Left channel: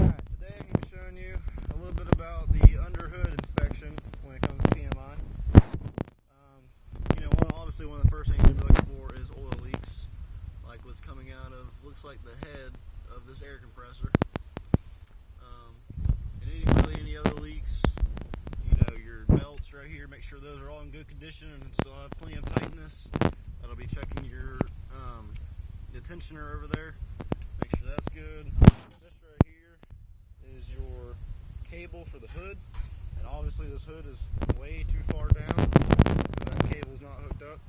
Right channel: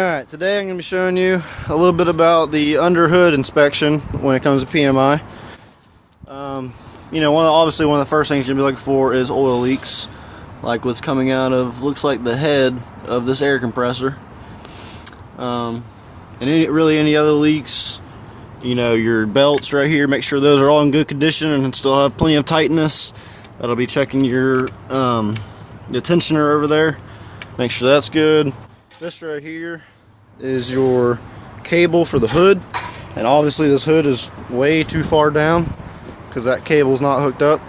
Alright, today I'm going to be showing you a little bit about the under hood inspection when it comes to PMI. Obviously one of the first things you're going to be looking for is oil leaks, like what's coming out of, looks like the head of this air compressor. And any other leaks, your belts right here, make sure those are all in good condition and still have plenty of tightness. That'll be checking your the tensioner over there. Make sure that's good. This right here is your cable for the hood, and obviously this hood is way too far down because that cable's not hooked up,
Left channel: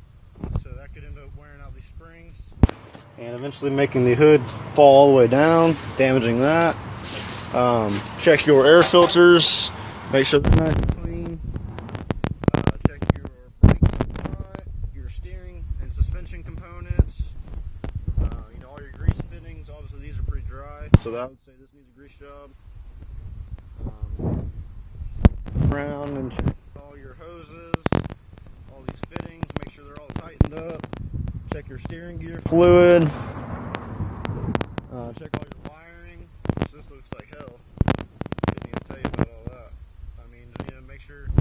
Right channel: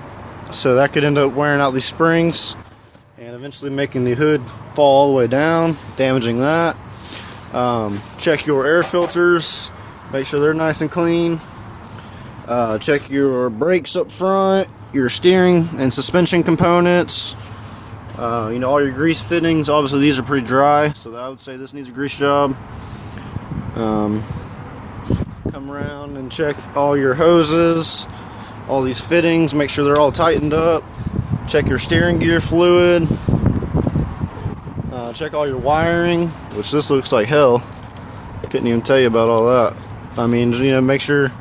so that could end up wearing out these springs and eventually making the hood fall all the way down, damaging that. Check your air filters, make sure they're nice and clean. Check your brakes up front, your steering and suspension components. All your grease fittings. Obviously these are pretty dry, so I would say this needs a grease job. Come around and check all your hoses, all these fittings, make sure they're all tightened up. Check your steering gear fluid. Check all your wiring, which this looks like hell. Couldn't even tell you about all that. Make sure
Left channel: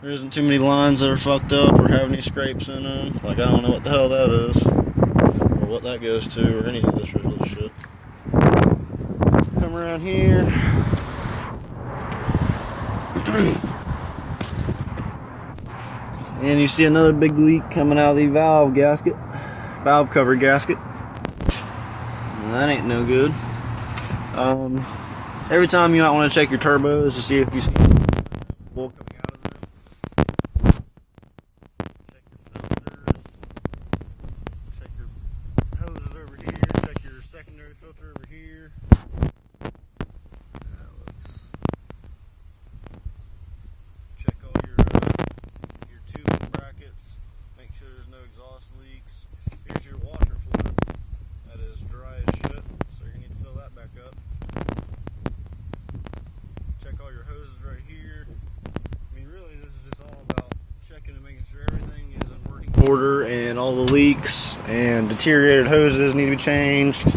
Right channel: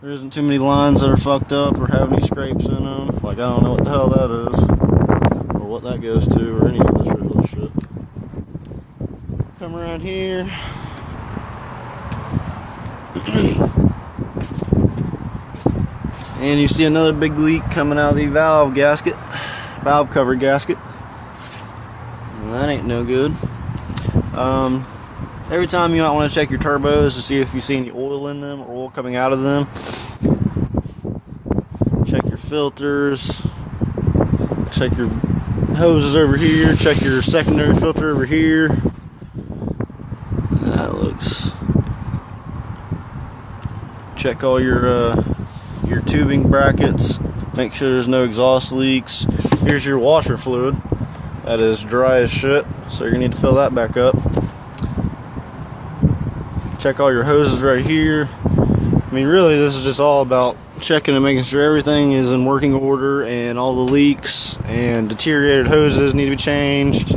there isn't too many lines that are fucked up or have any scrapes in them. Like, I don't know what the hell that is, what that goes to, or any of this little shit. Come around here. And you see another big leak coming out of the valve cover gasket. Well, that ain't no good. Every time you might want to check your turbos to see if you see any oil in them or oil coming out of them. Check your filters. Check your hoses over here. Check your secondary filter over here. That looks. Check all your tubing brackets. Make sure there's no exhaust leaks. Here's your washer fluid. That is dry as shit, so you're gonna need to fill that back up. Check all your hoses right here. Really, this is just all about checking and making sure everything is in working order and all the leaks and deteriorated hoses need to be changed.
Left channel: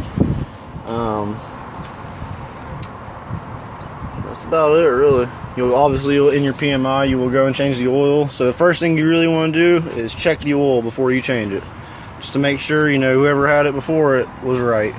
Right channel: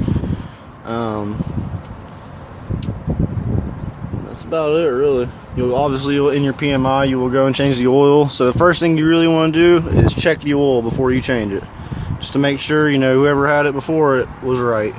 That's about it, really. In your PMI, you will go and change the oil. So the first thing you really want to do is check the oil before you change it, just to make sure whoever had it before it was right.